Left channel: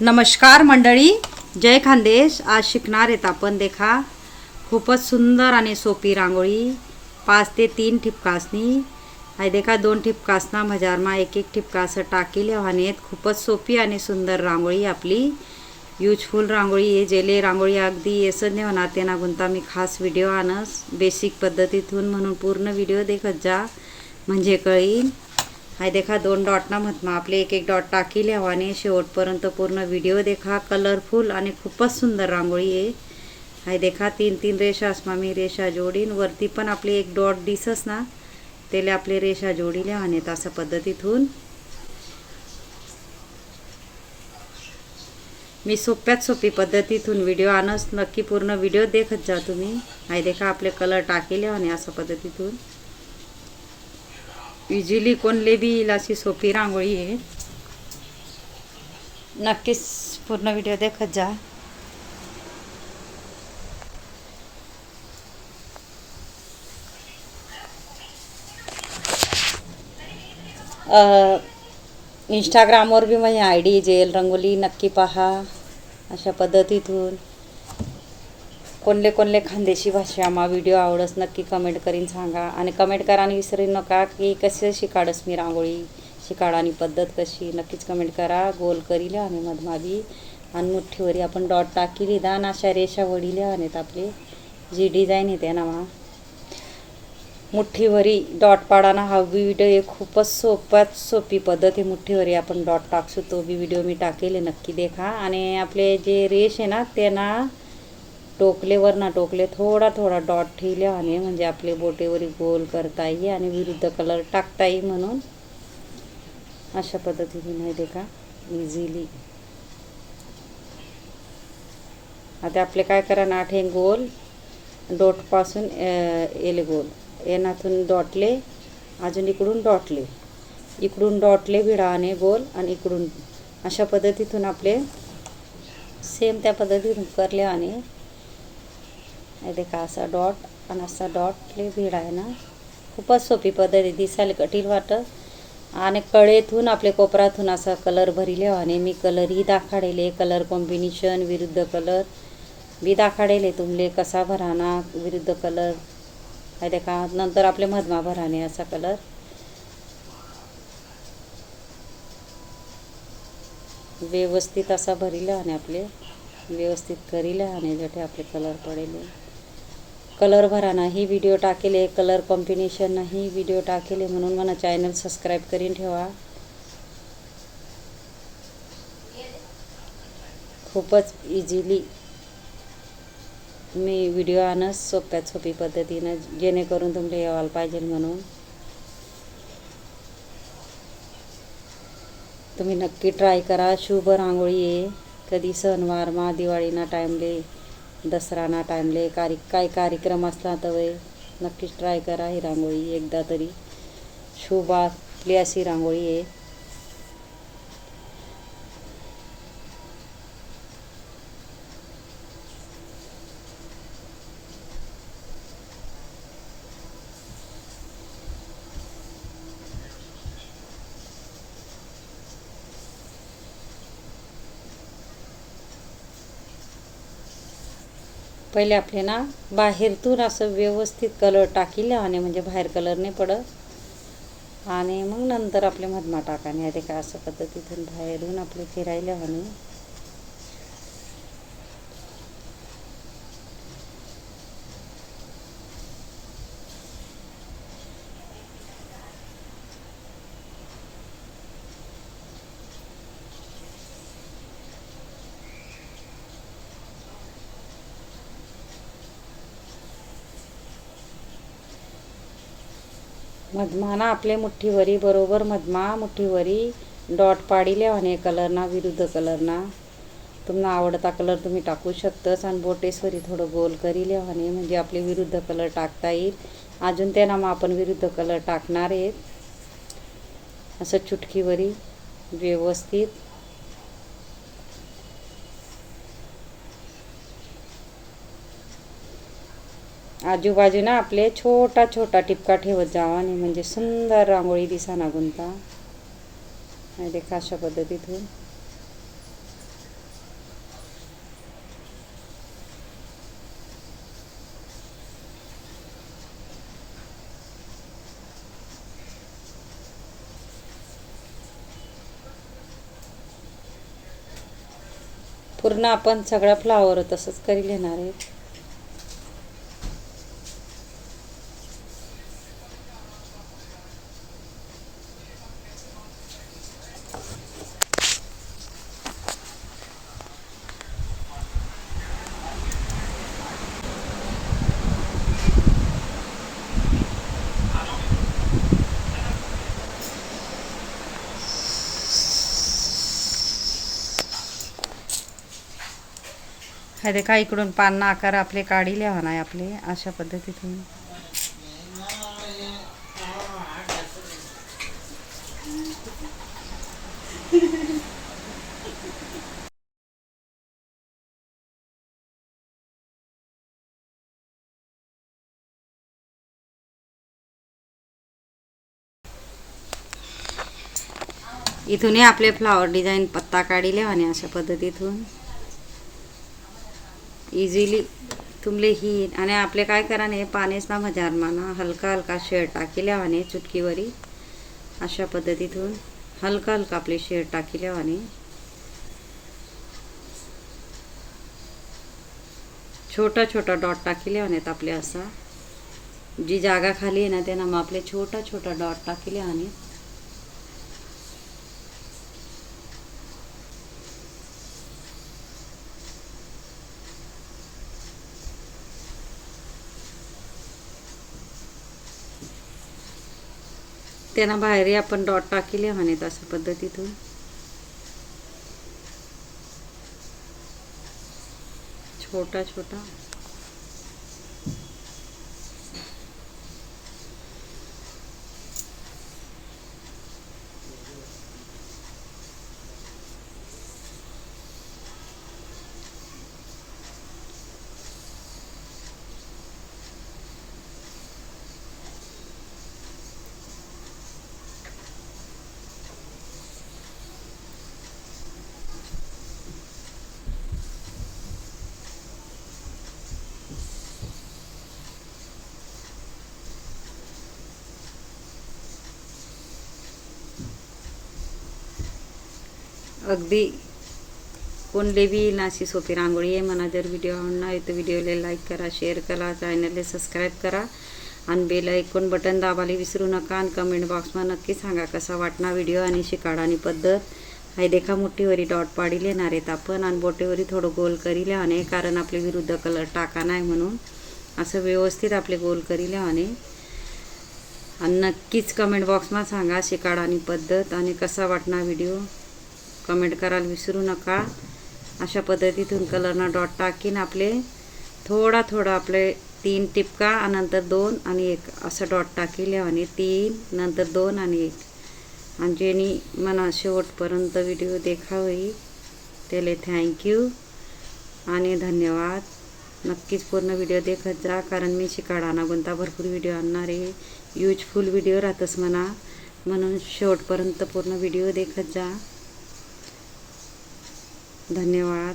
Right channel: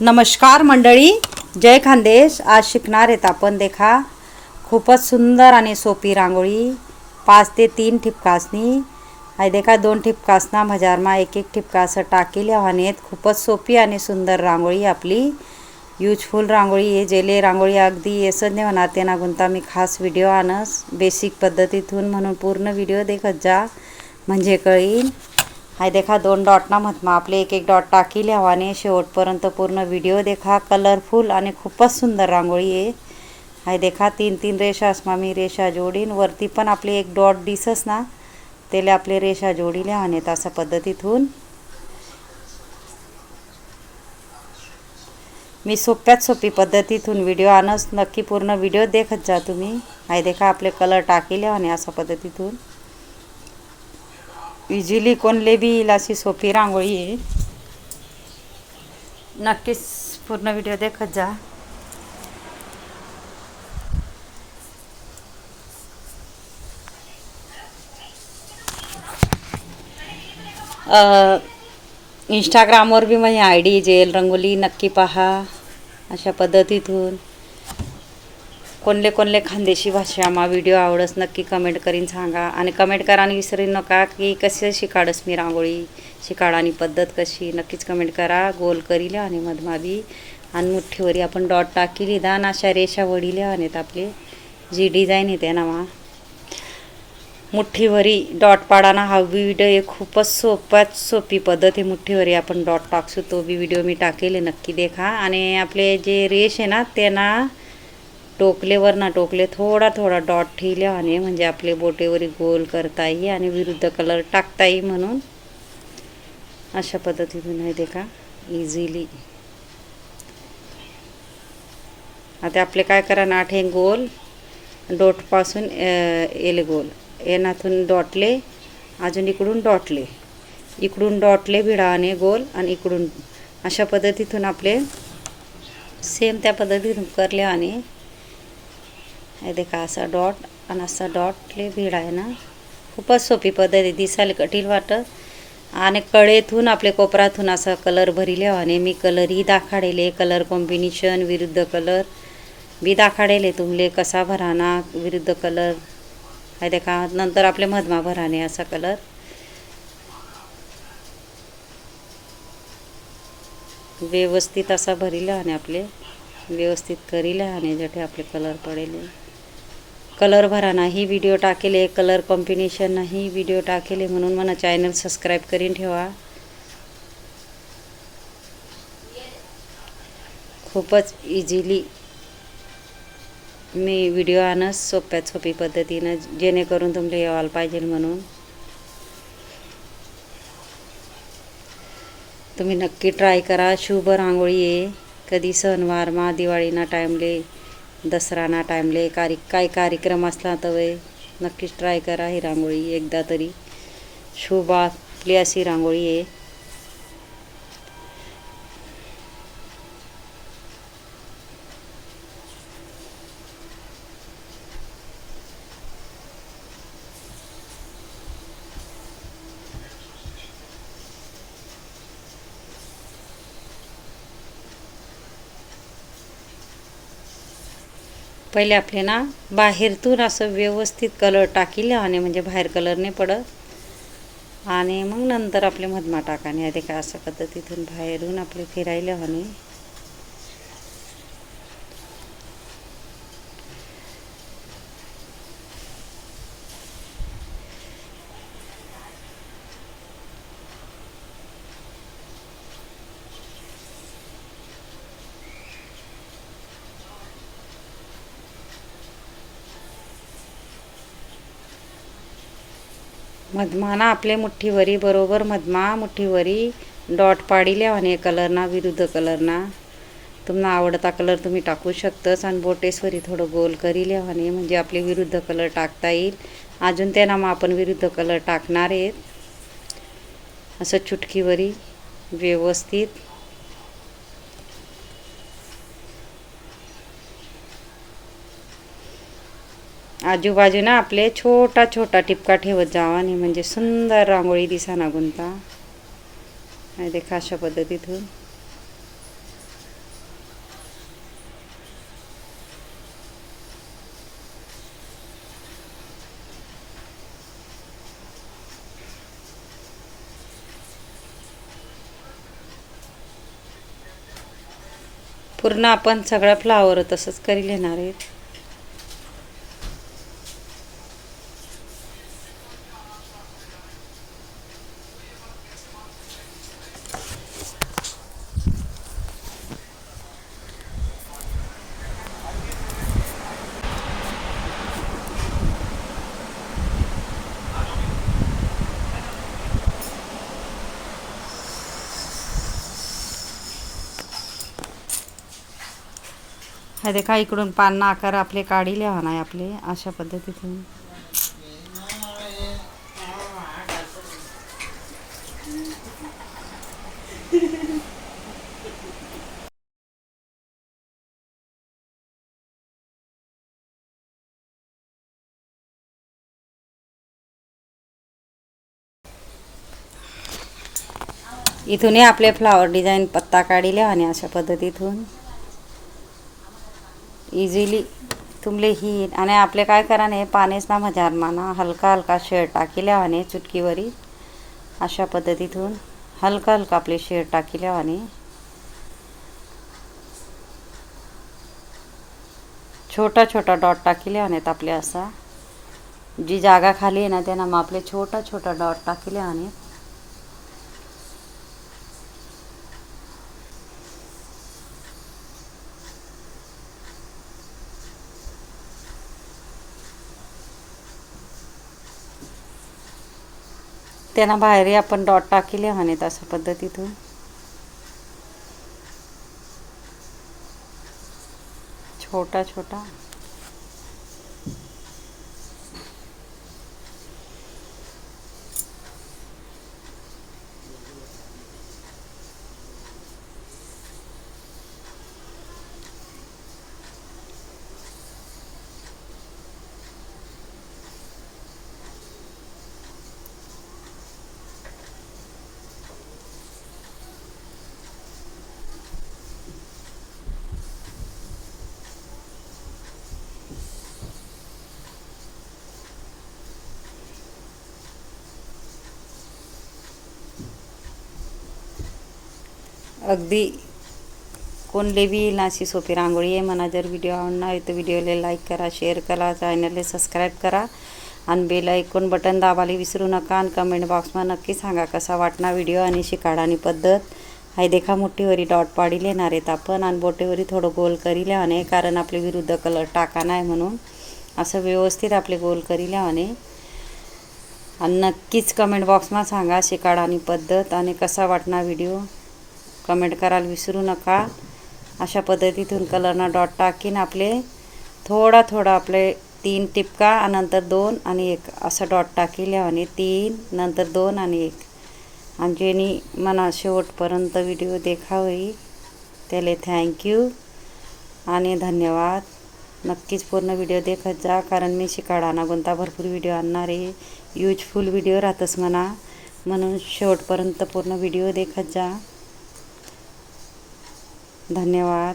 नमस्कार मंडळी, जय खानदेश। आज शिकणार आहेत आपण देखा खूपच सुंदर आणि सोपी रांगोळी। 5 ते 3 ठिपकासनी आहे देखा 2 ठिपकासना मजारमा एक ठिपका असं टाकीले आहेत। खूपच सोपी आणि सुंदर रांगोळी आपली यूजफुल रांगोळी आहे। जेले रांगोळी अगदी येसच नाही होणार तेना गुंता मी खास व्हिडिओ आणस बेसिक पद्धतीतून, म्हणून पूर्ण व्हिडिओ देखत जा म्हणजे कळीन। हाय देखा 2 डॉट ना मधमा आपले एक डॉट टाकीले हवाने शेवटपर्यंत पूर्ण व्हिडिओ देखा। कलरफुल आणि खूपच सुंदर रांगोळी आहे। हाय देखा 3 रेषा असमा मी रेषा जोडीन, वरती पण आपले एक डॉट दिसस ना त्याला आपले रेषा जोडीले हवाने अशा पद्धतीतून मी सोप्यात सोपी पद्धतीतून व्हिडिओ आणस, नक्की पूर्ण व्हिडिओ देखत जा तुम्ही। हाय देखा आपले कलर टाकीले हवाने अशा पद्धतीतून इझिली कोणले बी येईल अशी सोपी रांगोळी आहे। नक्कीच पूर्ण व्हिडिओ देखत जा। इंस्टाग्रामवर बी माझी ID जेल रंगोली नक्की पहा। अशा पद्धतीतून कोणले खानदेशी भाषा मा व्हिडिओ आवडस नक्की कमेंट करीन सांगा, आणि कमेंट करायला विसरू नका की कसे शिकाडस मी रांगोळी शिकाडानी पद्धत कशी, नक्कीच कमेंट करा। गोल करीले आणि मधमाबी आणि मुठ्ठीवरी आपण डॉट टाकीली दान अशा रेषा वडीले आहेत। आपले जी डिझाईन येते ना मा मुठ्ठीवरी डॉट पाडाना हा व्हिडिओ खूपच सोपी पद्धत आहे। मुठ्ठीवरी आपण डॉट टाकसू तो बी व्हिडिओ मी टाकेले नक्की देखा। आणि आपले जे रेष आहे ना त्यांना टोकलेवर ना टोकले थोडा डॉट ठेवले आणि म्हणजे आपले बोटेवरी गोल करता येईल आणि विरुद्ध कलर टाकता येईल, म्हणून अशा पद्धतीतून आहे देखा इझिली। आता आपले काय करा ना 8 गोल डॉटपासून एल गोल येनातून डॉटले, अजून इकडून डॉटले, इकडून डॉटले भिडाने गोल आणि इकडून अशा पद्धतीतून आपले सेम त्या पद्धतीतून करले आणि हे देखा असा डॉट आणि असा डॉटले भिड आहे ना। खूपच सोपी पद्धत आहे, दिसायला कठीण वाटत। आणि कडेतून आपले कोपरातून असा कलर भरिले आणि मी कलरही दाखाडेले, कलर कॉम्बिनेशन विरुद्ध कलर बी दाखाडेले तुमले कसा भराना विरुद्ध कलर आहे देखा। नंतर आपले मधमा भराने असा कलर व्यवस्थित असा भरिला आणि आपले व्यवस्थित करीले आणि जटे आपले कलर पडेले कलर भराना ही व्हिडिओ टाकेले, कलर कॉम्बिनेशन ही व्हिडिओ टाकेले, म्हणून मला चॅनल सबस्क्राईब करीन ठेवा। खूपच इझिली मी व्हिडिओ आणस सोप्यात सोपी पद्धतीनं, जेणेकरून तुमले यायला पाहिजे म्हणून तुम्ही नक्की ट्राय करा। शुभ रांगोळी आहे। कधी सणवार मा दिवाळीना टाईमले दसराना टाईमले काही कार्यक्रम असला तर नक्कीच ट्राय करा ही रांगोळी एकदा तरी। शुभ आपली अशी रांगोळी आहे। पहिले आपले ना बाहेरतून असं व्यवस्थित कलर टाकीले आणि म्हणजे बाहेर कलर नाही पडत, आणि मग नंतर आपले मधमा टाकाने आहे का अशा पद्धतीतून बाहेरून आपले फिरायला आणि मधमाना आपले मुठ्ठीवरी बरोबर मधमा मुठ्ठीवरी डॉट पाडिले आणि कलरना विरुद्ध कलरना तुम्हाला आवडता कलर तुम्ही टाकू शकतास, आणि बोटेसवरी थोडं गोल करीले आणि म्हणजे आपले विरुद्ध कलर टाकता येईल। अजून त्यांना मग आपण विरुद्ध कलर टाकणार आहेत असं चुटकीवरी व्यवस्थित आजूबाजूना आपले छोटा टिपका ठेवत जावा आणि म्हणजे सुंदर रांगोळी दिसाना गुंता। देखा अशा पद्धतीतून पूर्ण आपण सगळा फ्लावर तसंच करी घेणार आहे. हा देखा इकडून पान आकार आपले काढिले आहे आपले अशा पद्धतीतून. इथूनही आपले फ्लावर डिझाईन पत्ता काढिले आणि अशा पद्धतीतून इझिली तुमले ही. आणि आपले काय कराने पानेच ना मजार माना हलका हलका शेड टाकिल्या आणि चुटकीवरी अशा पद्धतीतून हलका हलका आपले शेड टाकिल्या आणि छोटा छोटा डॉट टाकिले आणि आपले असा जी जागा खाली आहे ना त्यांना मग आपले छोटा छोटा डॉट टाकिले आणि त्यांना बाहेरही आपण डॉट टाकिले आहेत अशा पद्धतीतून. छोटा छोटा अगदी कोणले बी नाशी सोपी रांगोळी आहे. मला जर व्हिडिओ आवडला तर व्हिडिओला लाईक करा, शेअर करा, चॅनलला सबस्क्राईब करा आणि बेल आयकॉन बटन दाबायला विसरू नका. आणि कमेंट बॉक्समध्ये नक्की सांगा कसा वाटणार व्हिडिओ आणि शिकाडानी पद्धत. हाय देखा मोठीवरी डॉट पाडी लेणार आहेत आपण आणि बोटेवरी थोडं गोल करी लिहाणे कारण आपले विरुद्ध कलर टाका नाही म्हणून असं व्यवस्थित आपले गोल करी लिहाणे. आणि नक्कीच कमेंट बॉक्समध्ये सांगा शिकाडानी पद्धत आणि कसा वाटणार व्हिडिओ कमेंट करायला विसरू नका. अशा पद्धतीतून कलरना डॉट टाकीन आपले थोडा थोडा आपले 3 टिपका आणि नंतर 2 आणि 1 असं डॉट टाकिले आणि 3 नंतर 2 आणि 1. आणि जेनी मना शेवटपर्यंत व्हिडिओ देखावी त्याला थँक्यू आणि धन्यवाद. नक्कीच पूर्ण व्हिडिओ देखत जा कारण मी शिकाडाना कोणता भरपूर व्हिडिओ आणणार आहे. यूजफुल व्हिडिओ राहतच म्हणून शेवटपर्यंत पूर्ण व्हिडिओ देखत जा. धन्यवाद.